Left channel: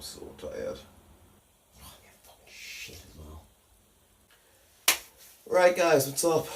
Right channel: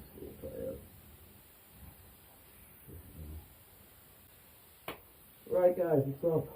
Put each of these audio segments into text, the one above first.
I'm so tired. Oh, I get fucking shit as well. Right, guys, what's up?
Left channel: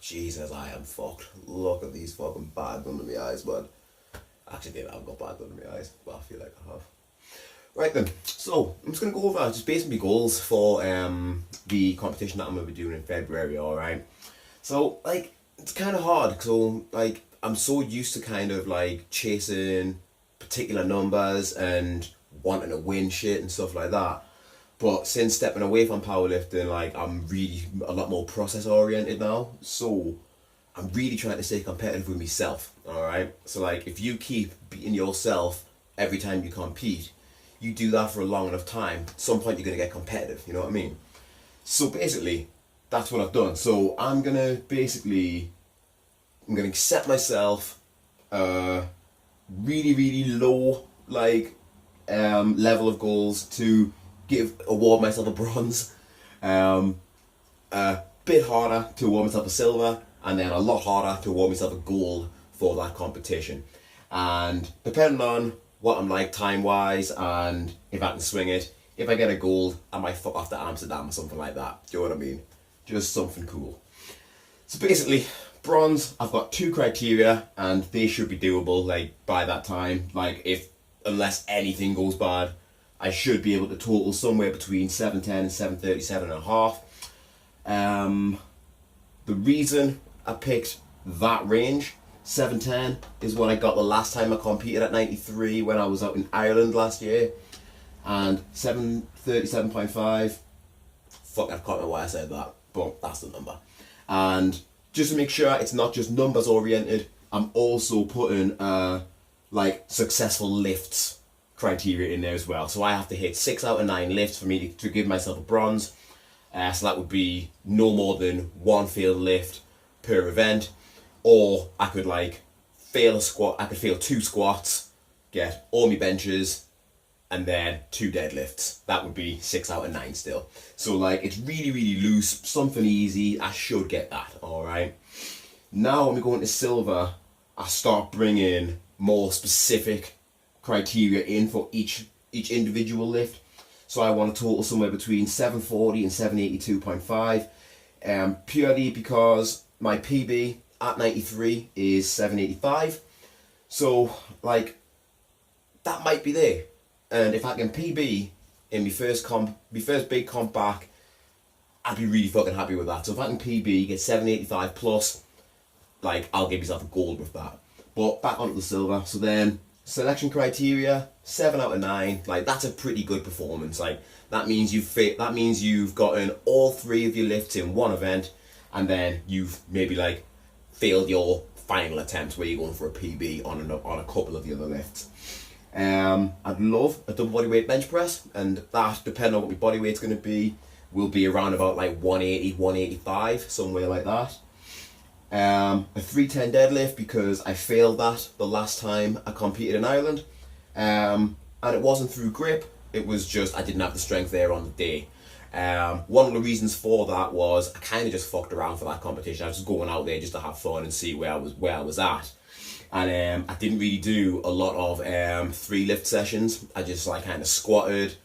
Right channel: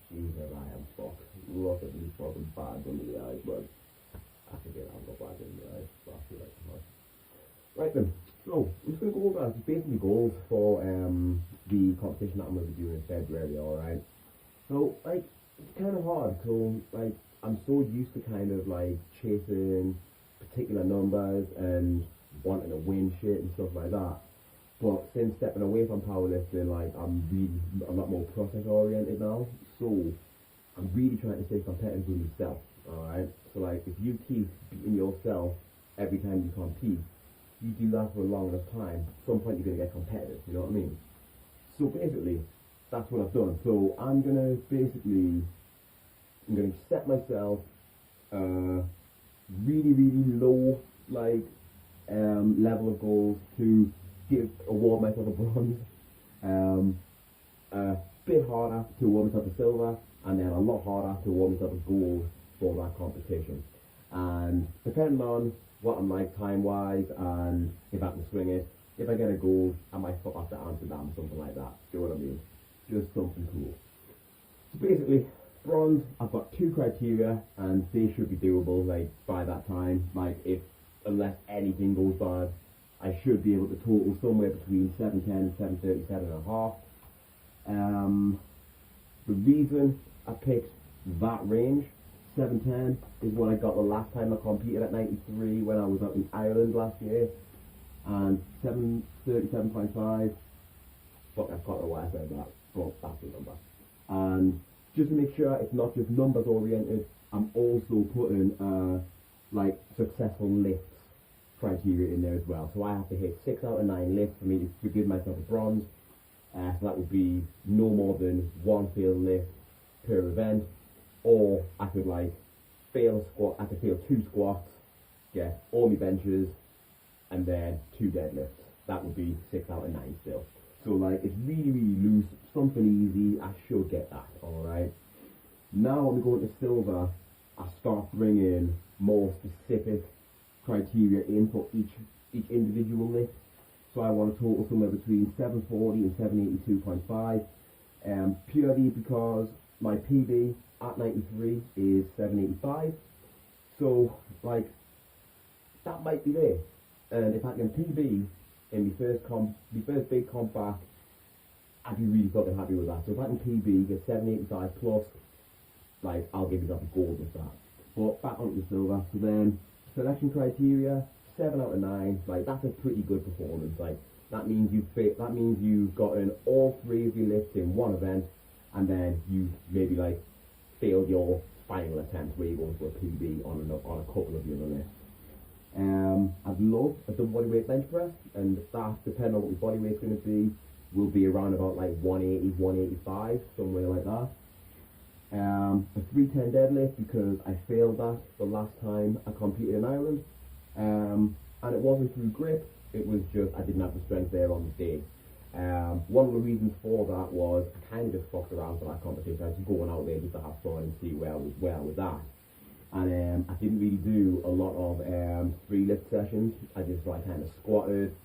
Jesus, I am fucked. Look at these fucking bags under my eyes, bud. Actually, I haven't got bags under my eyes, but I feel like I have. Right then, so I'm just gonna go over just basically goals for the competition that I'm gonna be doing in February. All right. So like it's kind of hard, so like I'm so used to kind of like chasing particular numbers and wanting to win shit and stuff like that. But since stepping away from powerlifting, like I'm really a lot more process oriented now. So I'm really trying to stay competitive with myself. All right. So like if you keep beating yourself every time you compete, you do that for a long enough time, at some point you're gonna get competitive, you know what I mean? So basically, that's what I've done. So I'm gonna set myself really, really low level of goals to award myself a bronze, a bit harder to award myself a silver, and then a lot harder to award myself a gold for that competition. And depending on what I'm like time-wise and if I can swing it, if I get a gold, I might fuck off to Amsterdam or something like that. Do you know what I mean? Just something cool. So basically, bronze, I've got 2 criteria and they should be doable like by that time. Like unless anything goes bad, I should be able to total somewhere between 710 and 737 and a half. The reason I picked that range, 710, is what I got the last time I competed at 93 when I was out in Ireland last year. And 737.5, fuck, I can't remember why I said that, but that's the number. And just to make sure it's not just numbers oriented, I'm also putting like successful lifts criteria in there as well. So I have to hit 6 out of 9 lifts for me to give myself a bronze. So that would be no more than 1 failed lift per event. Or I could like fail a squat, I could fail 2 squats, get all my benches, and then 2 deadlifts. That would be 6 out of 9 still. So like it's really, really loose, something easy. I should get that, all right? Now when we go into silver, I start bringing more specific criteria in for each individual lift. So I want a total somewhere between 740 and 782.5, purely because my PB at 93 is 785. So like that might be there. And if I can PB in my first big comp back, I'd be really fucking happy with that. So if I can PB, get 785 plus, like I'll give myself a gold with that. But back onto the silver. So then selection criteria, 7 out of 9. Like that's a pretty good performance. Like that means you've gotten all 3 of your lifts in one event, and then you've maybe like failed your final attempt where you're going for a PB on a couple of the other lifts. I'd love a double body weight bench press, and that, depending on what my body weight's going to be, will be around about like 180, 185, somewhere like that. A 310 deadlift, because I failed that the last time I competed in Ireland, and it wasn't through grip, it was just I didn't have the strength there on the day. One of the reasons for that was I kind of just fucked around for that competition. I was just going out there just to have fun and see where I was at. And I didn't really do a lot of 3 lift sessions. I just like kind of squatted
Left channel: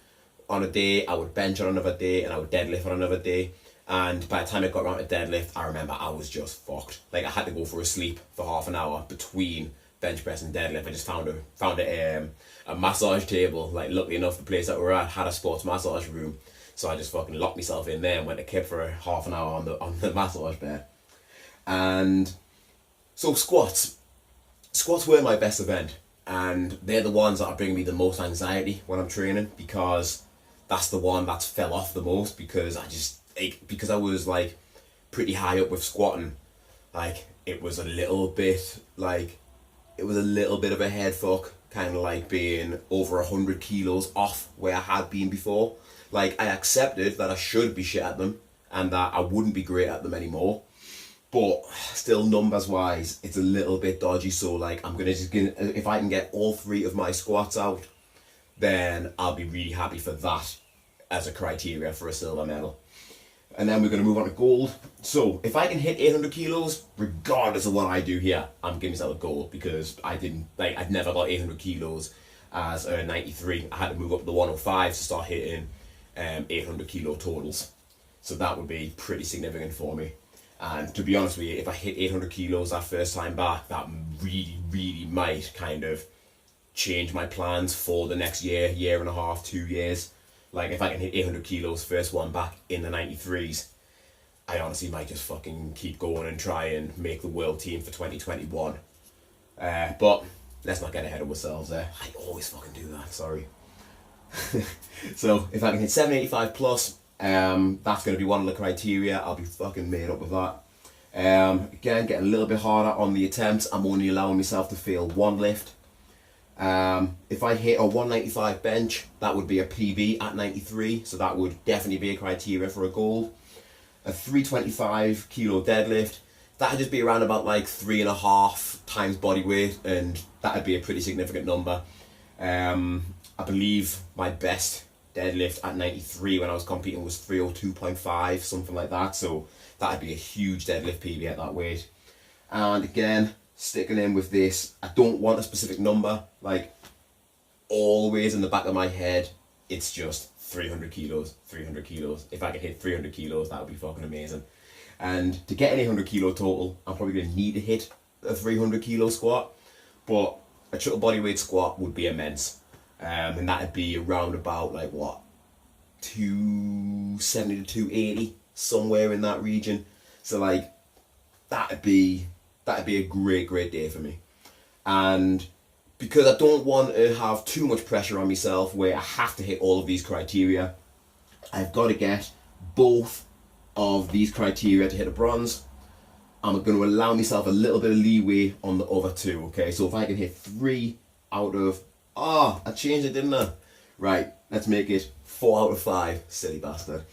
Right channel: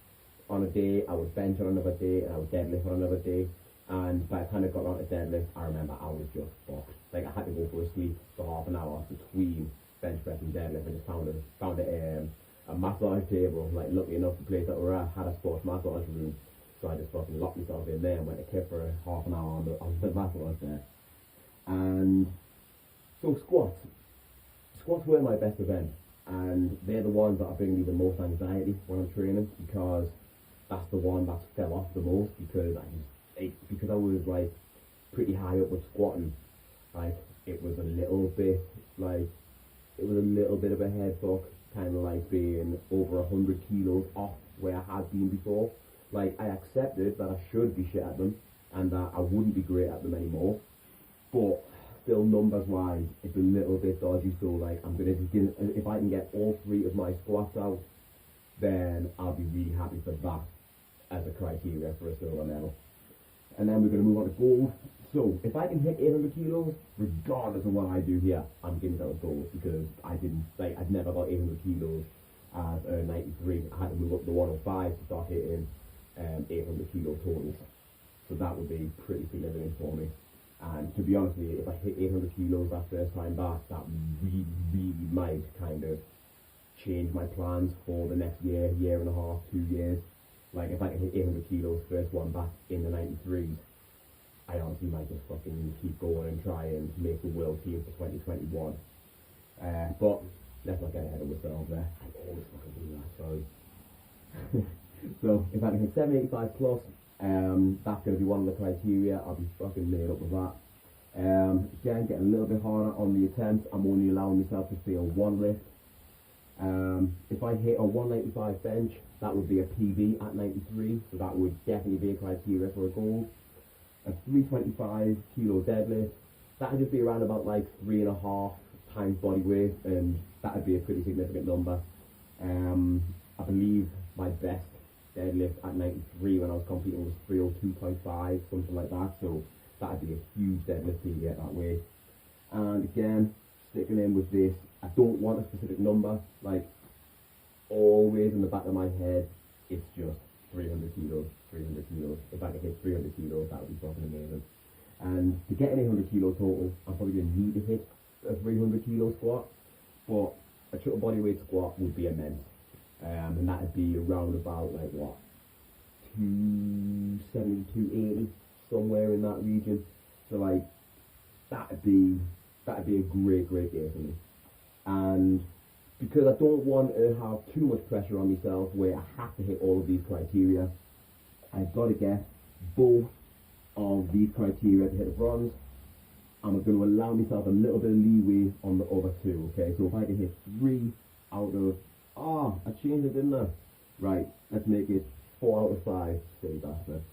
on a day, I would bench on another day, and I would deadlift on another day. And by the time I got around to deadlift, I remember I was just fucked. Like I had to go for a sleep for half an hour between bench press and deadlift. I just found a massage table. Like luckily enough, the place that we're at had a sports massage room, so I just fucking locked myself in there and went to kip for half an hour on the massage bed. And so squats were my best event, and they're the ones that are bringing me the most anxiety when I'm training, because that's the one that's fell off the most, because I was like pretty high up with squatting. Like it was a little bit of a head fuck, kind of like being over 100 kilos off where I had been before. Like I accepted that I should be shit at them and that I wouldn't be great at them anymore, but still numbers wise it's a little bit dodgy. So like if I can get all 3 of my squats out, then I'll be really happy for that as a criteria for a silver medal. And then we're going to move on to gold. So if I can hit 800 kilos, regardless of what I do here, I'm giving myself a gold, because I'd never got 800 kilos as a 93. I had to move up to the 105 to start hitting 800 kilo totals. So that would be pretty significant for me. And to be honest with you, if I hit 800 kilos that first time back, that really, really might kind of change my plans for the next year, year and a half, 2 years. Like if I can hit 800 kilos first one back in the 93s, I honestly might just fucking keep going and try and make the world team for 2021. But let's not get ahead of ourselves there. I always fucking do that, sorry. So if I can hit 785 plus, that's going to be one of the criteria. I'll be fucking made up with that. Again, getting a little bit harder on the attempts. I'm only allowing myself to fail one lift. If I hit a 195 bench, that would be a PB at 93, so that would definitely be a criteria for a gold. A 325 kilo deadlift, that would just be around about like 3.5 times body weight, and that would be a pretty significant number. I believe my best deadlift at 93 when I was competing was 302.5, something like that, so that would be a huge deadlift PB at that weight. And again, sticking in with this, I don't want a specific number, like always in the back of my head, it's just 300 kilos, 300 kilos. If I could hit 300 kilos, that would be fucking amazing. And to get an 800 kilo total, I'm probably going to need to hit a 300 kilo squat, but a total body weight squat would be immense. And that'd be around about like what, 270 to 280, somewhere in that region. So like that'd be a great day for me. And because I don't want to have too much pressure on myself where I have to hit all of these criteria, I've got to get both of these criteria to hit a bronze. I'm going to allow myself a little bit of leeway on the other two, okay? So if I can hit 3 out of, I changed it, didn't I? Right, let's make it 4 out of 5, silly bastard.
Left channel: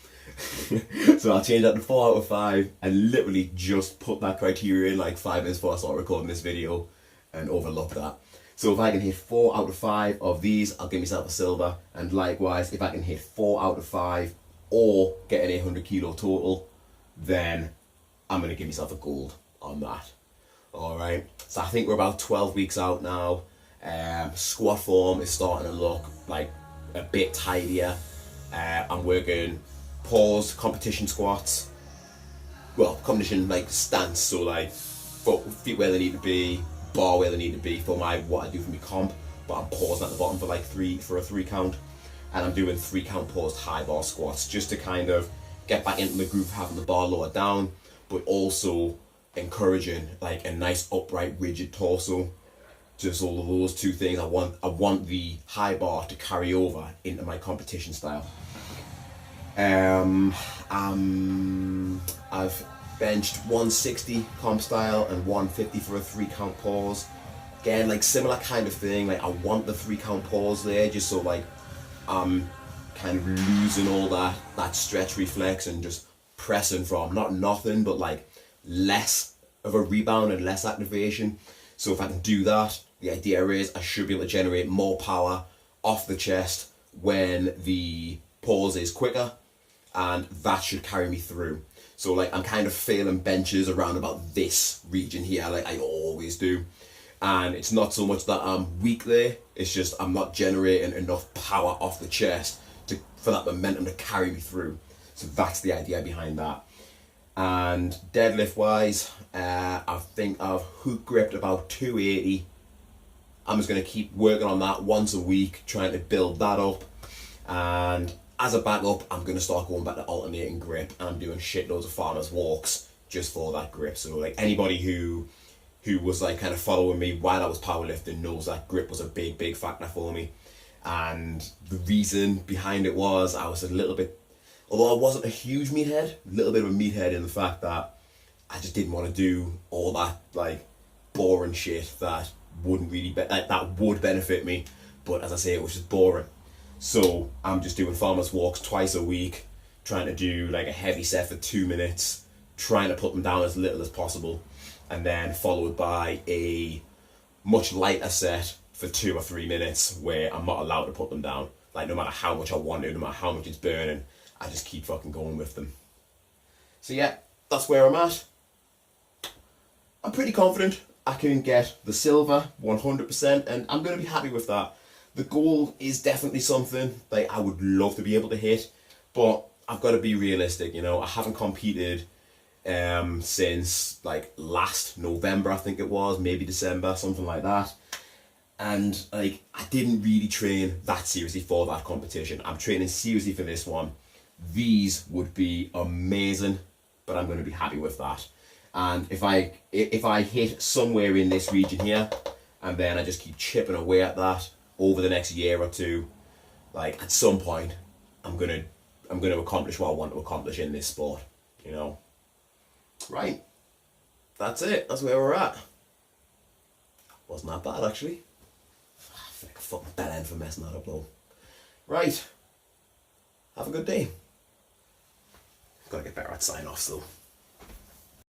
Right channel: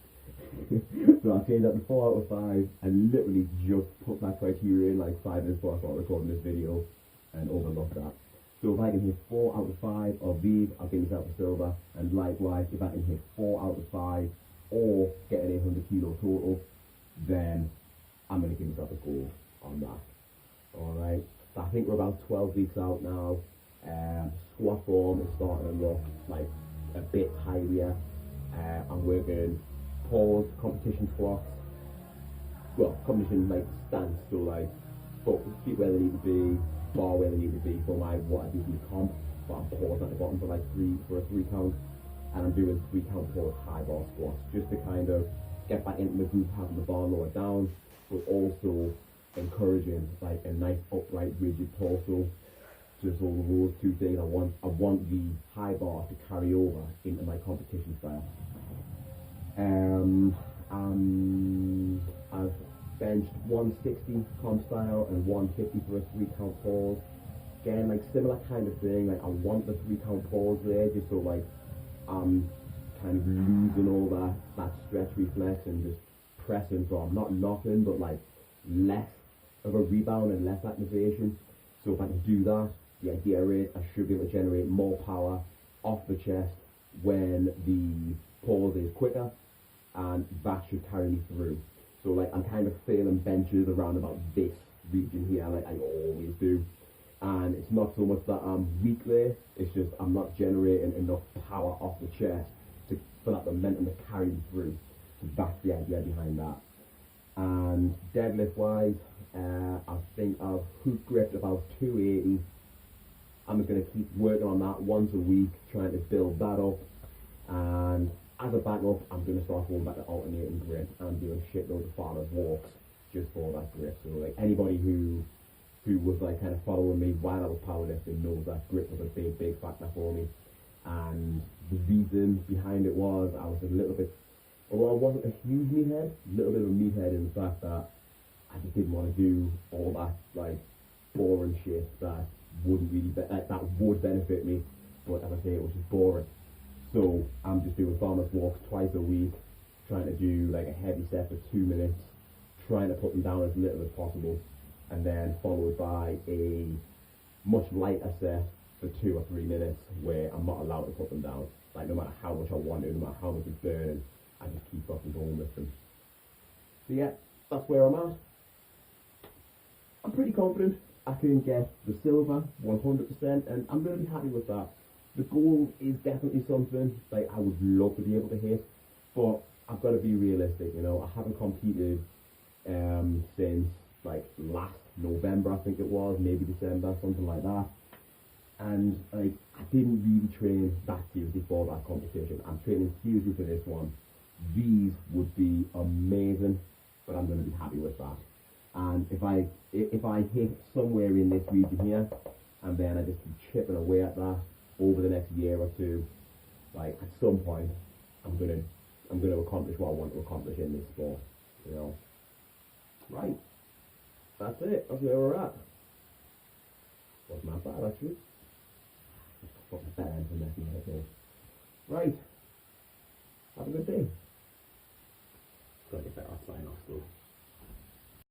So I'll change that to 4 out of 5 and literally just put that criteria in like 5 minutes before I start recording this video and overlook that. So if I can hit 4 out of 5 of these, I'll give myself a silver. And likewise, if I can hit 4 out of 5 or get an 800 kilo total, then I'm going to give myself a gold on that. Alright, so I think we're about 12 weeks out now. Squat form is starting to look like a bit tidier. I'm working pause competition squats, well, competition like stance, so like feet where they need to be, bar where they need to be for what I do for my comp, but I'm pausing at the bottom for a 3 count, and I'm doing 3 count paused high bar squats just to kind of get back into the groove of having the bar lower down, but also encouraging like a nice upright rigid torso. Just all of those two things. I want the high bar to carry over into my competition style. I've benched 160 comp style and 150 for a 3 count pause. Again, like similar kind of thing. Like I want the 3 count pause there, just so like I'm kind of losing all that stretch reflex and just pressing from not nothing, but like less of a rebound and less activation. So if I can do that, the idea is I should be able to generate more power off the chest when the pause is quicker, and that should carry me through. So like I'm kind of failing benches around about this region here, like I always do. And it's not so much that I'm weak there, it's just I'm not generating enough power off the chest for that momentum to carry me through. So that's the idea behind that. And deadlift wise, I think I've hook gripped about 280. I'm just going to keep working on that once a week, trying to build that up. And as a backup, I'm going to start going back to alternating grip, and I'm doing shitloads of farmers walks just for that grip. So like anybody who was like kind of following me while I was powerlifting knows that grip was a big factor for me. And the reason behind it was I was a little bit, although I wasn't a huge meathead, a little bit of a meathead in the fact that I just didn't want to do all that like boring shit that wouldn't really that would benefit me, but as I say, it was just boring. So I'm just doing farmers walks twice a week, trying to do like a heavy set for 2 minutes, trying to put them down as little as possible, and then followed by a much lighter set for 2 or 3 minutes where I'm not allowed to put them down. Like no matter how much I want to, no matter how much it's burning, I just keep fucking going with them. So yeah, that's where I'm at. I'm pretty confident I can get the silver 100%, and I'm going to be happy with that. the goal is definitely something like I would love to be able to hit, but I've got to be realistic. You know, I haven't competed since like last November, I think it was, maybe December, something like that. And like I didn't really train that seriously for that competition. I'm training seriously for this one. These would be amazing, but I'm going to be happy with that. And if I hit somewhere in this region here, and then I just keep chipping away at that over the next year or two, like at some point, I'm gonna accomplish what I want to accomplish in this sport. You know. Right. That's it. That's where we're at. Wasn't that bad actually. I feel like a fucking bad end for messing that up though. Right. Have a good day. Gotta get better at sign offs though.